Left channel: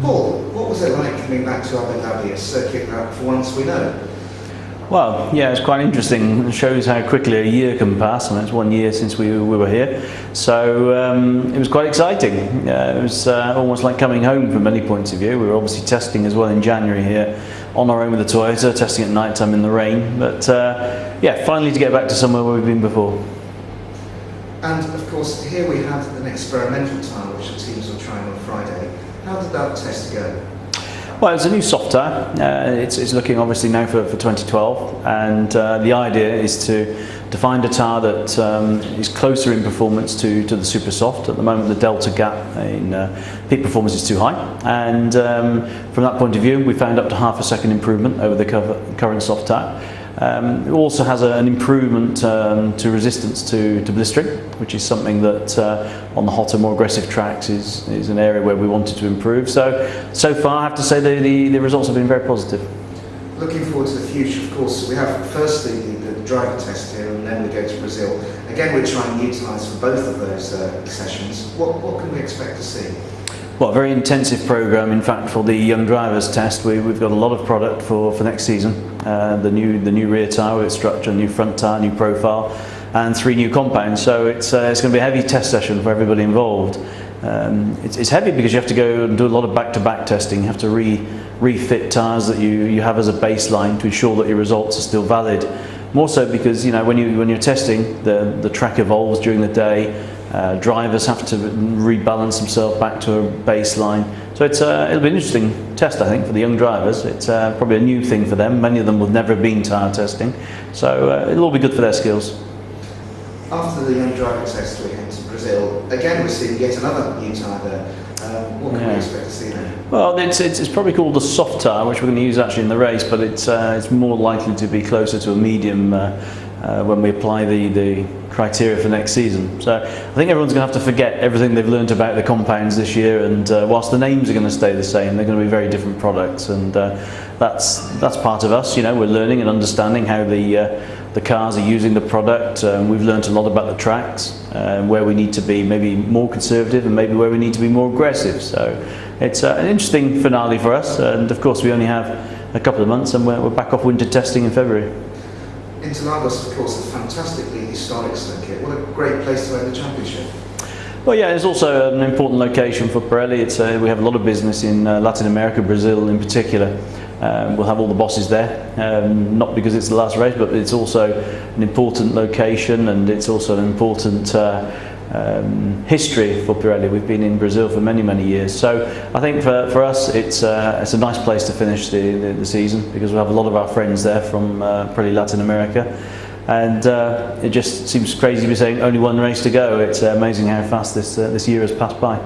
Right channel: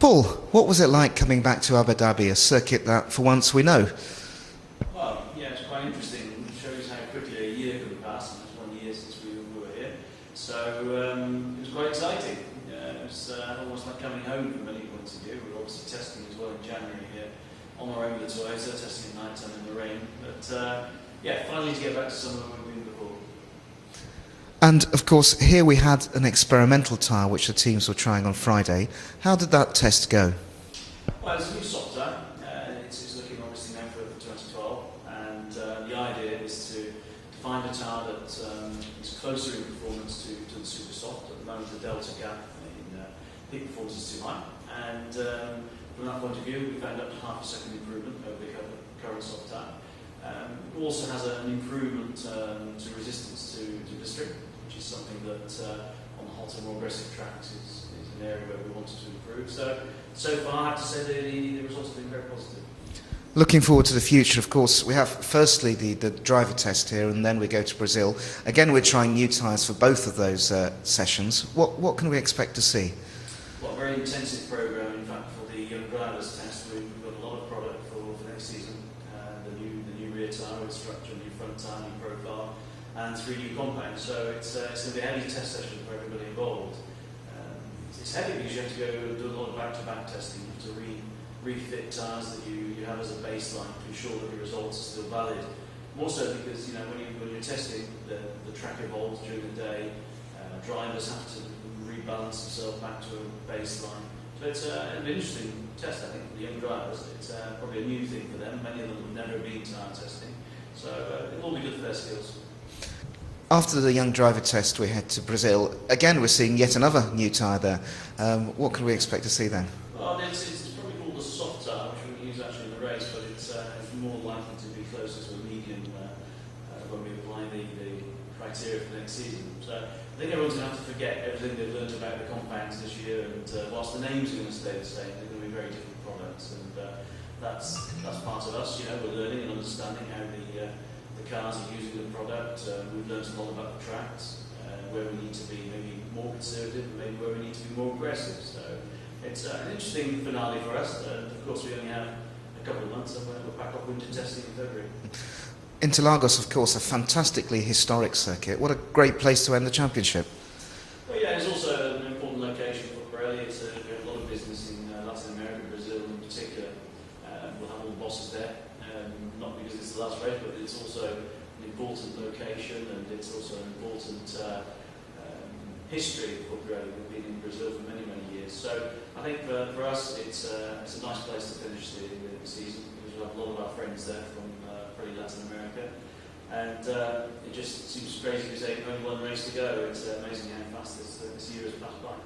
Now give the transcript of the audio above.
Paul, what was it like coming back to Abu Dhabi, a circuit that for once we know? Well, yeah, it's quite interesting. It shows how quickly a year can pass. I mean, it's 1 year since we were here, so it was quite exciting. It was almost like coming home from many points of view. We were obviously testing as well in January here on our own with the Toyota, testing at night time in the rain. But yeah, finally to get back to somewhere where we've been before. And of course, here we had an experimental tyre which the teams were trying on Friday. How did that test go? Well, it's a new soft tyre. It's looking obviously now for 2012, and the idea is to find a tyre that is closer in performance to the super soft. At the moment, the delta gap in peak performance is too high, and from that point of view, we found up to half a second improvement over the current soft tyre. It also has an improvement to resistance to blistering, which is something that on the hotter, more aggressive tracks is an area where we wanted to improve. So far, I have to say the results have been very positive. Looking forward to the future, of course, we have firstly the driver test here, and then we go to Brazil. Again, we're trying to utilise for both of those sessions. What can we expect to see? Well, a very intensive programme. In fact, for the young drivers test, we've got a lot of product for next season. The new rear tyre with its structure, new front tyre, new profile, and 3 new compounds. So it's going to be a heavy test session for everybody involved. It's heavy because you have to go and do a lot of back-to-back testing. You have to refit tyres that you have as a baseline to ensure that your results are still valid. More so because when you're testing, the track evolves during the day. Drivers have to rebalance themselves back to a baseline. So it'll be an interesting test, I think, for the young drivers. It's probably a new thing for them. Many of them have never been tyre testing, so it'll all be good for their skills. After the young driver test, we head to Brazil. Again, we're seeing yet another new tyre there. What can we expect to see there? Well, it's probably called the soft tyre, which we're going to use actually in the race, but it's more likely to be closer to a medium when we apply the criteria for next season. So I think everyone's going to have to forget everything they've learned about the compounds this year, and whilst the names are going to stay the same, they're going to be very different products, and that's part of us. We're learning and understanding how the cars are using the product. We've learned a lot about the tracks, where we need to be maybe more conservative and maybe where we need to be more aggressive. So it's an interesting finale for us, and of course we only have a couple of months, and we're back off winter testing in February. Interlagos, of course, a fantastically historic circuit. What a great place to end the championship. Well, yeah, it's also an important location for Pirelli. We have a lot of business in Latin America, Brazil in particular. We'll have all the bosses there, not because it's the last race, but it's also an important location, and it's also an important history for Pirelli. We've been in Brazil for many, many years. So I think for us, it's a nice place to finish the season, because we have a lot of our friends there from probably Latin America. And it just seems crazy to be saying only one race to go. It's amazing how fast this year has passed by.